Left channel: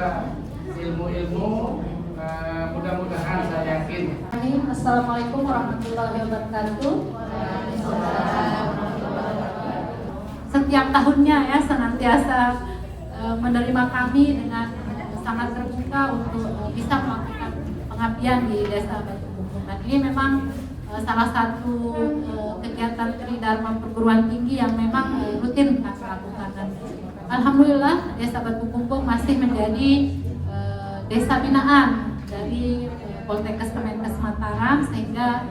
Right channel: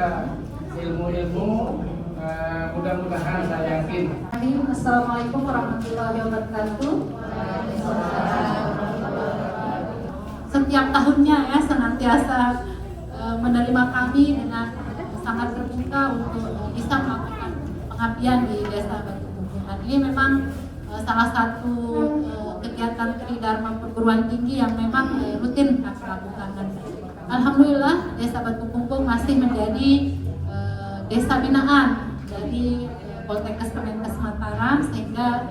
kepada ilmu-ilmu, mudah-mudahan saya yakin. Assalamualaikum warahmatullahi wabarakatuh. Setiap tahunnya ya senantiasa menerima kami dengan sangat terbuka untuk bisa melakukan pengabdian di Desa Batu Kumbung. Dan ini memang salah satu kegiatan Tridharma perguruan tinggi yang memang rutin kami lakukan. Dan alhamdulillah Desa Batu Kumbung masih menjadi desa binaan dari Poltekkes Kemenkes Mataram, sehingga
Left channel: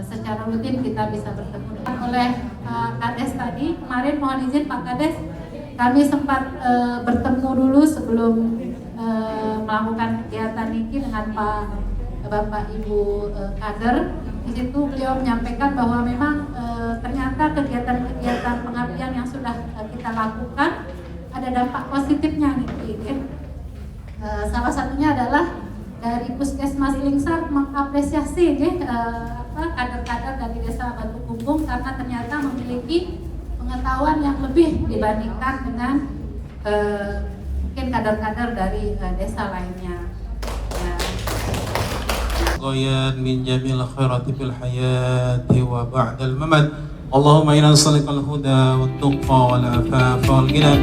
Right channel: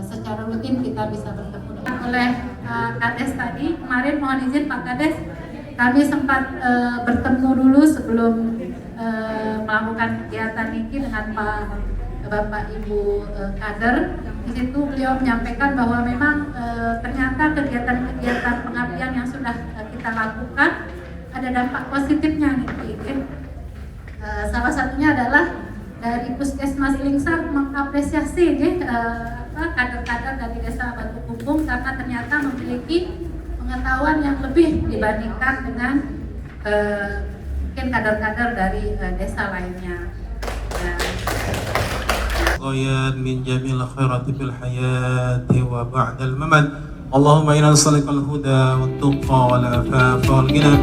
secara rutin kita bisa bertemu oleh Kades tadi. Kemarin mohon izin Pak Kades, kami sempat bertemu dulu sebelum melakukan kegiatan ini dengan Bapak Ibu kader. Di situ beliau menyampaikan bahwa memang ternyata kegiatan-kegiatan pengabdian yang sudah kita lakukan ada dampak positifnya nih. Salah satunya adalah dari Puskesmas Lingsar mengapresiasi kader-kader dari Desa Batu Kumbung karena ternyata memiliki pengetahuan yang lebih dibandingkan dengan mungkin kader-kader dari desa lainnya. من جميع الخيرات في الحياة وبعد الممات اللهم إنا نسألك الهدى والتقى والعفاف والغنى.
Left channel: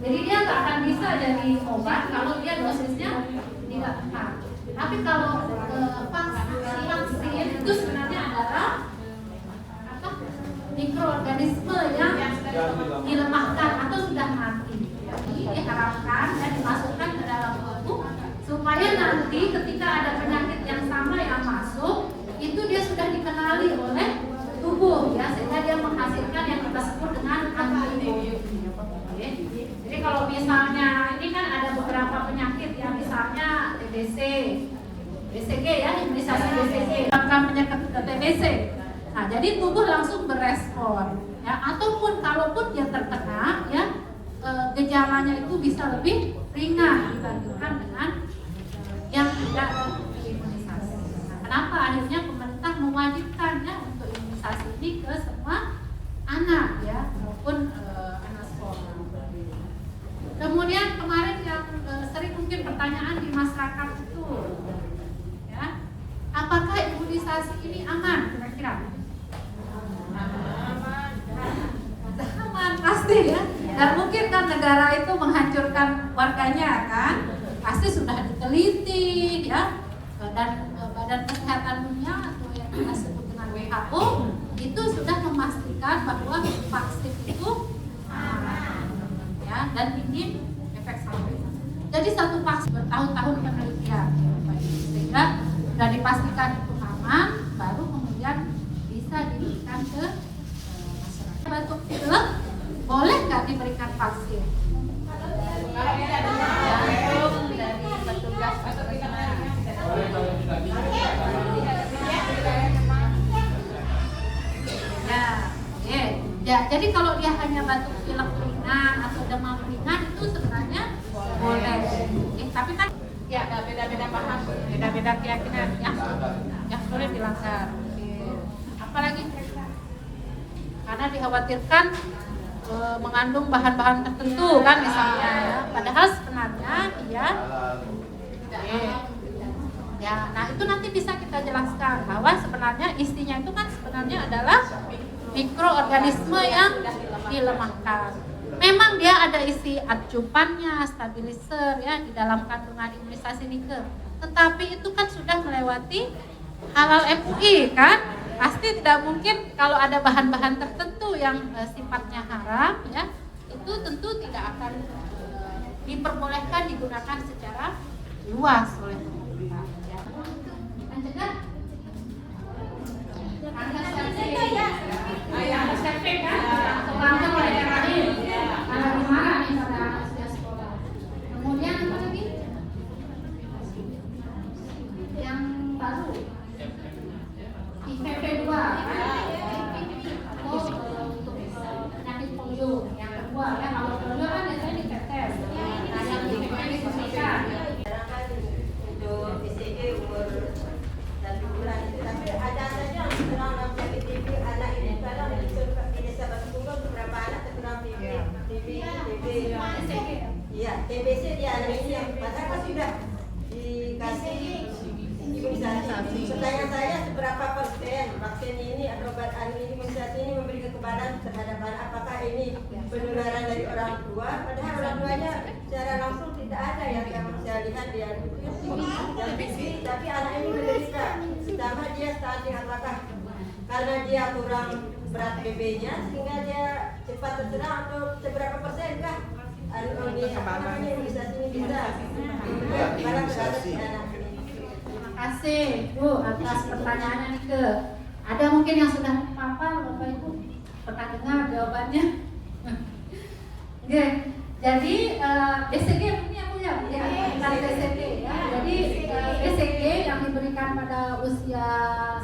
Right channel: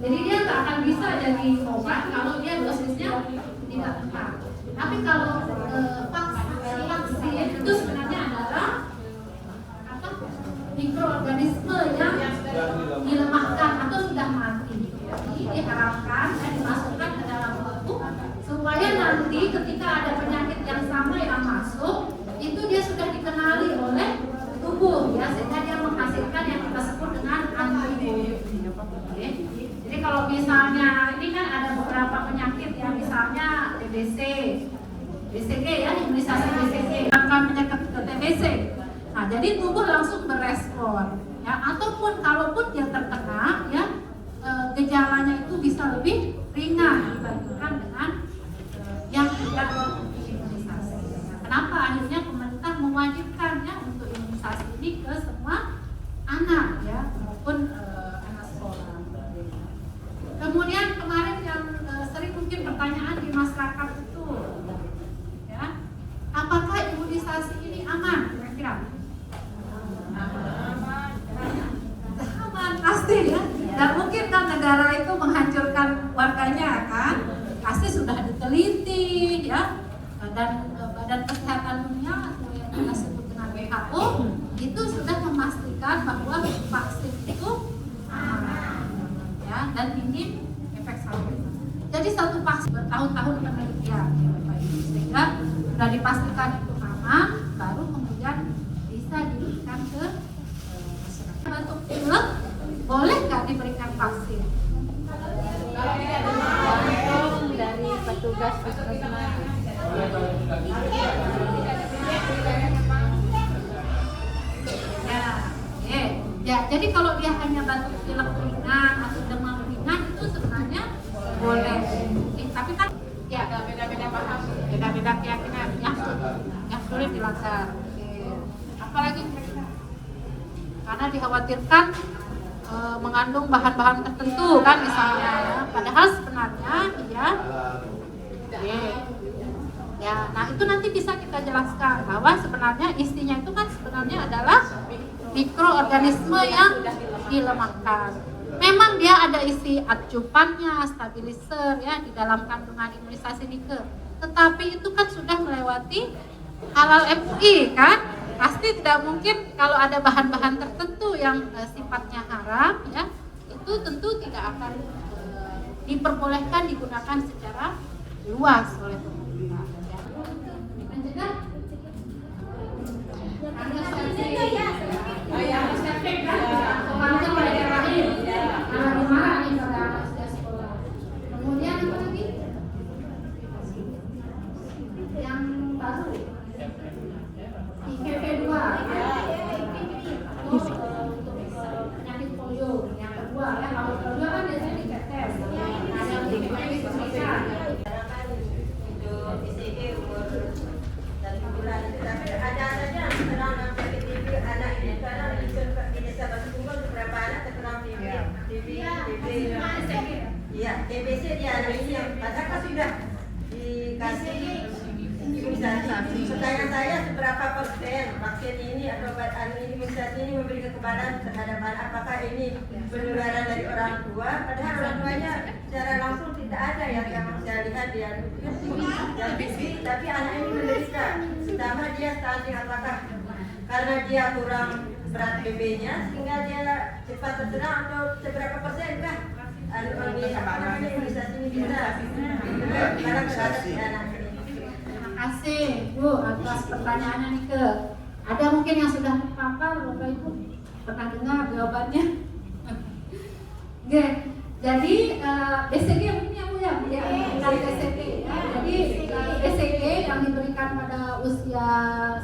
Jadi dia nggak akan bisa jadi obat kalau dia dosisnya tidak tepat. Tapi kalau vaksin itu sebenarnya adalah mikroorganisme yang dilemahkan atau sudah mati. Jadi diharapkan dan dimasukkan ke dalam tubuh supaya nanti ketika ada penyakit yang sama yang masuk itu dia sudah dikenali oleh tubuh ya, sehingga dia menghasilkan yang kita sebut dengan antibodi. Jadi kalau misalnya ini kan ada beberapa penyakit yang misalnya TBC, BCG ya, imunisasi BCG, akan penyakit TBC. Nah, jadi tubuh langsung berespon ya, ataupun kalaupun dia terkena ya, gejalanya itu bisa lebih ringan dibandingkan dengan yang tidak imunisasi. Nah, kenapa akhirnya pemerintah mewajibkan ya untuk imunisasi ini ke semua anak ya, maupun anak sekolah. Kemudian kemarin yang sering mungkin pertanyaan di masyarakat itu ya, apakah imunisasi ini aman kira-kira? Aman pasti ya. Dan mungkin kan negara itu menghancurkan warganya kan, pasti sudah diteliti ya, dan Badan Kesehatan Dunia atau yang kita sebut dengan WHO itu sudah memastikan bahwa vaksin itu aman ya, dan tinggi efek samping. Jadi satu vaksin bertahun-tahun penelitian sehingga sudah dipastikan itu aman, baru kemudian bisa diberikan ke masyarakat. Batuk pilek boleh nggak diberikan vaksin? Kalau tidak ada dari petugas puskesmas. Ya, jadi kalau dia hanya batuk pilek ringan atau demam ringan itu sebenarnya boleh. Tapi kan ya beda-beda paham, beda-beda keyakinan ya, yang boleh dilanggar. Apalagi karena dikhawatirkan mengandung bahan-bahan tertentu kan misalnya ya. Padahal sebenarnya dia ya, nah itu nanti bisa kita jelaskan bahwa sebenarnya isinya itu kan sebenarnya adalah mikroorganisme yang dilemahkan. Memang dia ada isi acupannya, stabilizer ya di dalam kandungan imunisasi nikel. Tetapi itu kan sudah melewati halal MUI kan? Pasti tidak mungkin kalau ada bahan-bahan tertentu yang sifatnya haram ya, itu tentu tidak akan diperbolehkan digunakan secara luas oleh pemerintah. Dan juga kemudian apa lagi? Yang baru IPV2 untuk penyakit polio yang kedua ya, kalau sudah dikasih imunisasi. Pertanyaan saya, seberapa persen vaksin ini atau obat imunisasi ini memberi kekebalan terhadap anak? Apakah ini penularan dari orang tua? Padahal orang tuanya secara langsung tidak ada yang saya lihat dia tapi anak ini menderita. Pertama dia stunting, apakah karena dia kurang berat BB-nya sehingga dia cepat terserang atau seberapa persenkah imunisasi ini bisa kekebalan terhadap anak ini? Terima kasih Bu atas pertanyaannya nih ke. Ada mungkin yang sudah papar Bapak Ibu pernah dengar jawabannya? Oke, jadi BCG mungkin yang punya ya, tentang BCG ya. Jadi BCG yang diberikan pada usia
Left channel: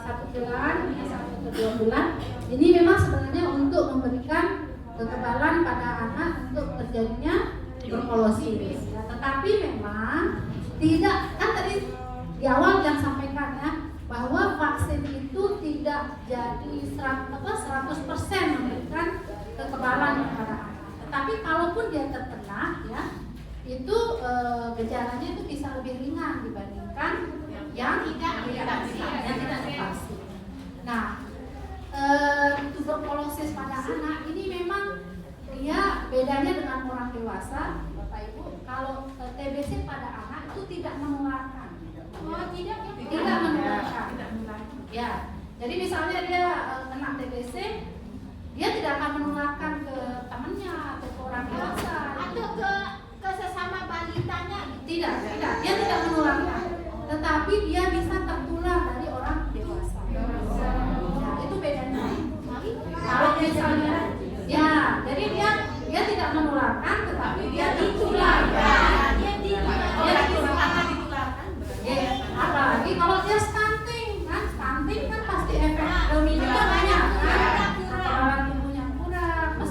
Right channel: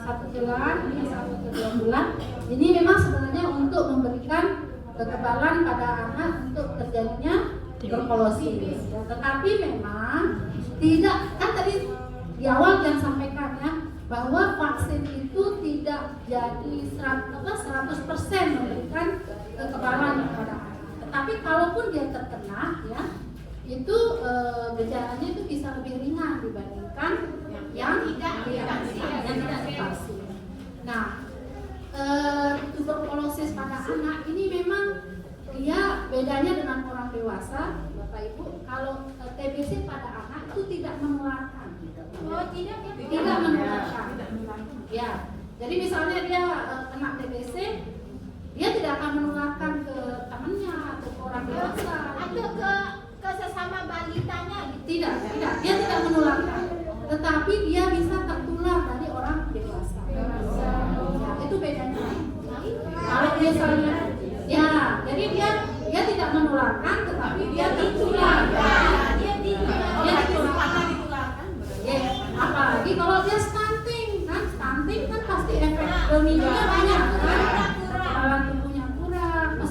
1 bulan, 1 atau 2 bulan, ini memang sebenarnya untuk memberikan kekebalan pada anak untuk terjadinya tuberkulosis. Ya. Tetapi memang tidak, kan tadi di awal yang sampaikan ya, bahwa vaksin itu tidak jadi 100% memberikan kekebalan kepada anak. Tetapi kalaupun dia terkena ya, itu gejalanya itu bisa lebih ringan dibandingkan yang tidak divaksin. Nah, tuberkulosis pada anak ini memang dia bedanya dengan orang dewasa, Bapak Ibu. Kalau TBC pada anak itu tidak menularkan. Oh, tidak menularkan. Ya. Jadi misalnya dia kena TBC, dia tidak akan menularkan ke temannya atau ke orang dewasa atau ke sesama balitanya. Tidak, dia tidak menularkan. Tetapi dia bisa tertular dari orang dewasa. Itu bedanya. Kalau misalnya, ya, jadi dia tidak menularkan, tetapi dia ditular. Dia ditularkan. Ya, apalagi kalau dia stunting kan pasti efek dominannya banyak kan, orang tubuhnya kurang.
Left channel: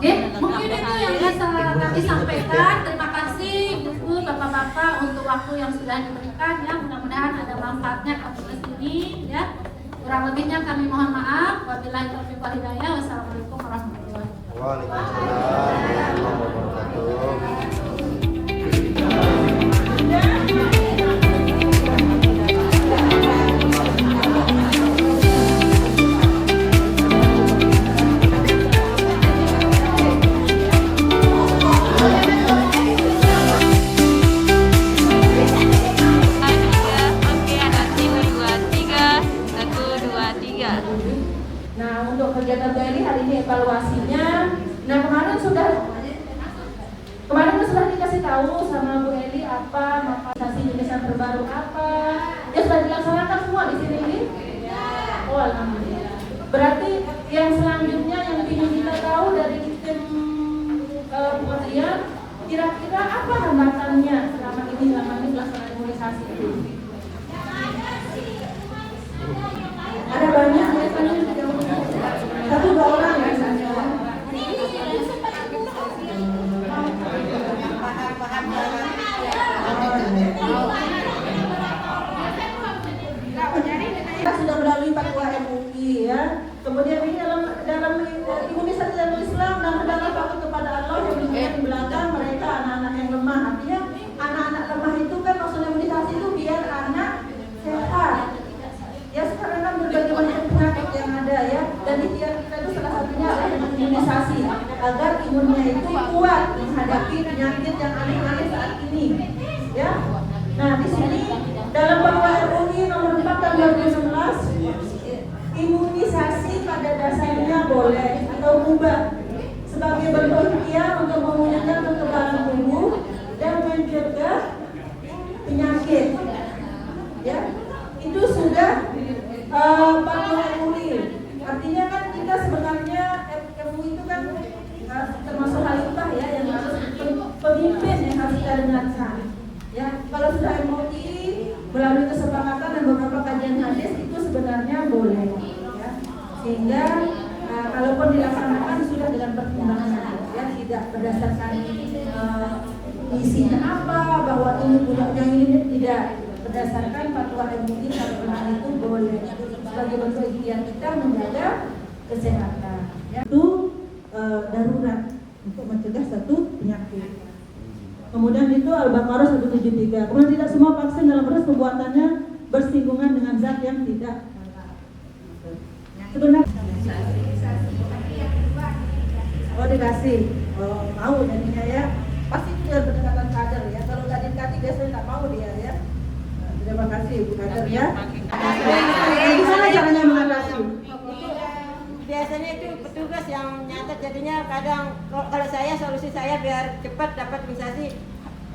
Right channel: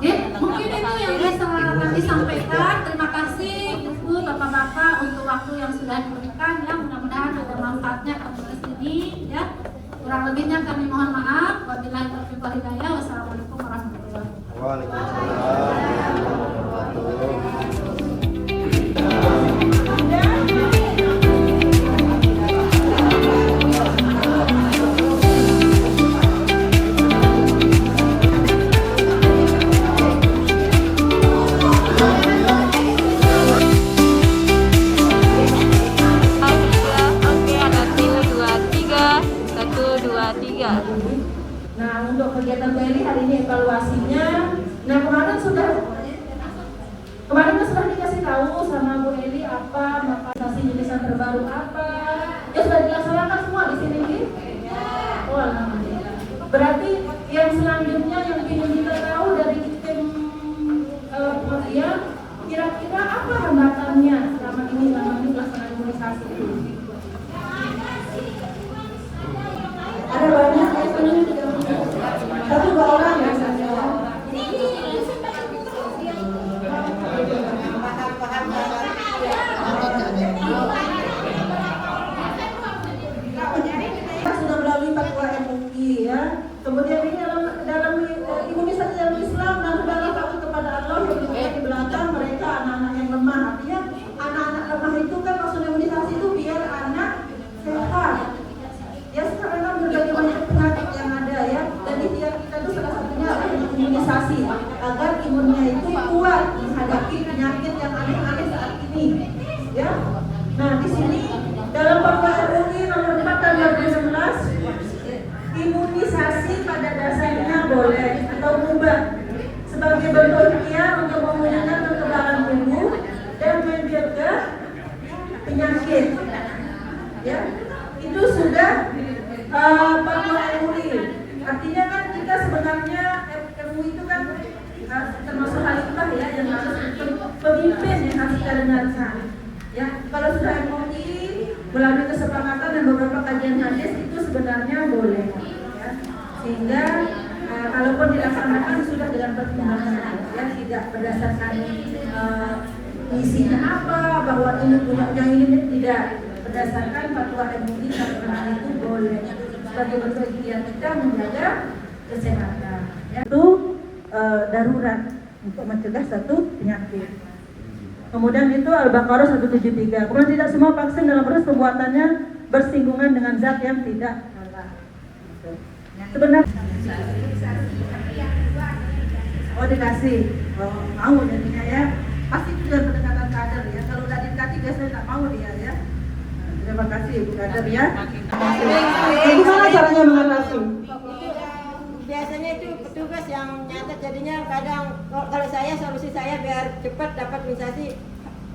Ya, mungkin itu yang bisa kami sampaikan. Terima kasih Ibu, Bapak-bapak untuk waktu yang sudah diberikan ya. Mudah-mudahan ada manfaatnya kepada sini ya. Kurang lebihnya kami mohon maaf. Wabillahi taufiq wal hidayah. Wassalamualaikum warahmatullahi wabarakatuh. Waalaikumsalam warahmatullahi wabarakatuh. Nah, untuk kegiatan BRI hari ini evaluasinya. Nah, kemarin sudah dikasih tahu sama Bu Eli apa vaksinasi jenis terbaru apa. Ya sudah dilaksanakan semua di sini ini. Oh, alhamdulillah. Berarti yang selanjutnya yang ingin kita tahu dari tim kemudian kira-kira apa hambatannya selama ini pelaksanaan imunisasi ini. Ada banyak satu dua orang ya. Kita sudah melalui fatwa MUI ya. Kemudian ini dalam imunisasi dalam Islam dan dalam takut kepada Allah yang di belakang mereka anak-anak yang lemah. Artinya anak-anak lemah itu kan maksud imunisasi itu biar anak sehat. Ya sekarang kan berbagai macam penyakit yang ada ya. Jadi kita itu salah satunya adalah dengan imunisasi agar imunnya itu kuat menghadapi penyakit yang aneh-aneh saat ini. Ya. Nah di sini dalam fatwa MUI nomor 4 tahun 2019 imunisasi pada dasarnya boleh atau mubah sebagai bentuk ikhtiar untuk memulihkan kekebalan tubuh dan mencegah penyakit. Ya. Itu sudah fatwa MUI. Artinya kan kita sebenarnya MUI itu kan termasuk khalifah ya yang harus pemimpin yang harus kita dengarkan. Ya, kalau sudah MUI melalui kesepakatan dan beberapa kajian hadis itu sebenarnya boleh. Ya. Sehingga kalaupun dilaksanakan sudah dengan pertimbangan ya, tidak berdasarkan isinya apa bahwa ini punya ini tidak. Berdasarkan fatwa MUI karena itu boleh sebagai bentuk ikhtiar kita menjaga kesehatan. Ya. Itu darurat untuk mencegah satu penyakit. Kemudian itu Al-Baqarah 173. Kemudian tidak semua vaksin dalam proses pembuatannya bersinggungan dengan zat yang tidak halal. Sebenarnya dikasih, mau jadinya ya. Pasti itu dengan pendekatan kader ya. Kalau udah dikasih biasanya tak mau dia ya. Terima kasih Bu Kader ya. Gimana caranya mengatasi? Biasanya itu petugas yang nyatet, jadinya kadang kalau solusi saya biar cepat dapat imunisasi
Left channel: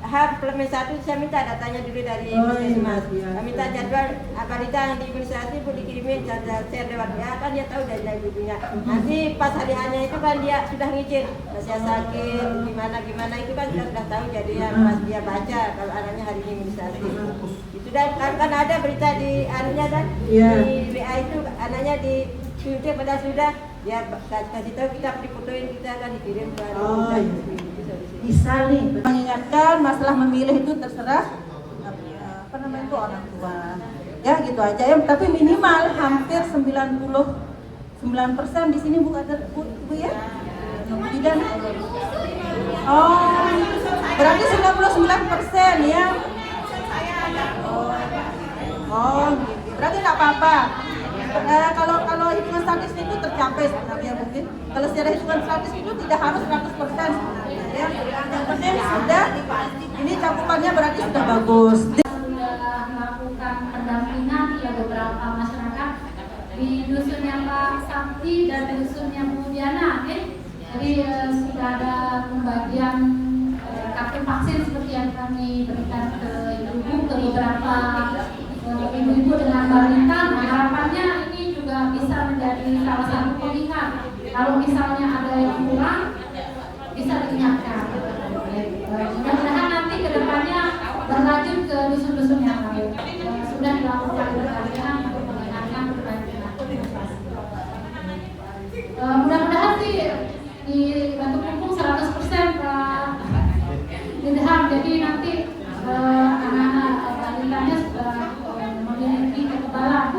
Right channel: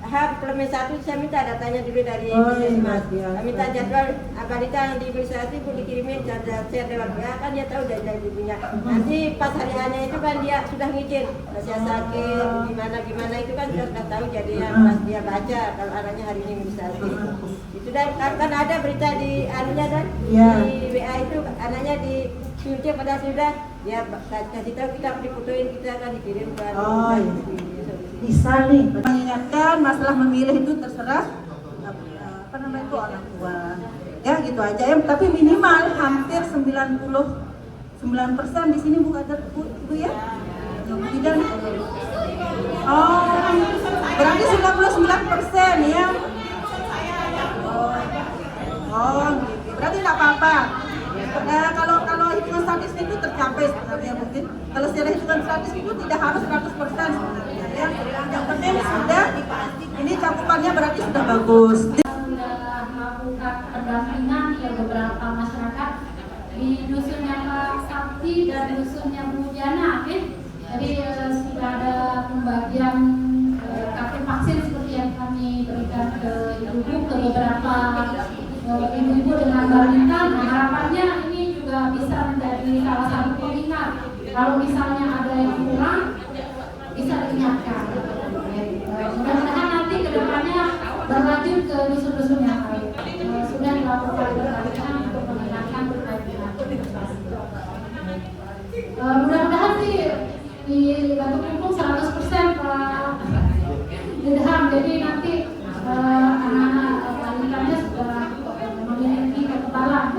H+1 saya minta datanya dulu dari imunisasi Mas. Kami minta jadwal balita yang diimunisasi pun dikirimin share lewat ya, kan dia tahu dari ibunya. Nanti pas hari hanya itu kan dia sudah ngizin, saya sakit gimana itu kan sudah tahu, jadi pas dia baca kalau anaknya hari ini imunisasi. Itu dan kan ada berita di anunya dan di WA itu anaknya disuntik pada sudah dia kasih tahu, kita difotoin, kita akan dikirim ke bisa nih mengingatkan masalah memilih itu terserah apa namanya itu orang tua ya, gitu aja ya. Tapi minimal hampir 99% di sini Bu Kader, Bu ya tidak. Oh, berarti 99% ya. Oh, berarti tidak apa-apa. Kalau hitungan statis itu tercapai sebenarnya mungkin. Kalau secara hitungan statis itu tidak harus 100% sebenarnya ya. Yang penting sudah ini cakupannya berarti sudah bagus. Sudah melakukan pendampingan ke beberapa masyarakat di dusunnya Pak Sakti dan dusunnya Bu Diana, Jadi sudah ada pembagian kartu vaksin seperti yang kami berikan ke ibu-ibu, ke beberapa ibu-ibu dengan balita. Harapannya ini juga bisa menjadi salah satu pilihan. Kalau misalnya ada yang kurang, bisa diingatkan. Mudah-mudahan nanti ke depannya berlanjut ke dusun-dusun yang lain. Sudah dilakukan berkali-kali untuk mengingatkan terkait dengan imunisasi. Mudah-mudahan sih di Batu Kumpung 100% jadi nanti anak-anak balitanya sudah memiliki kekebalan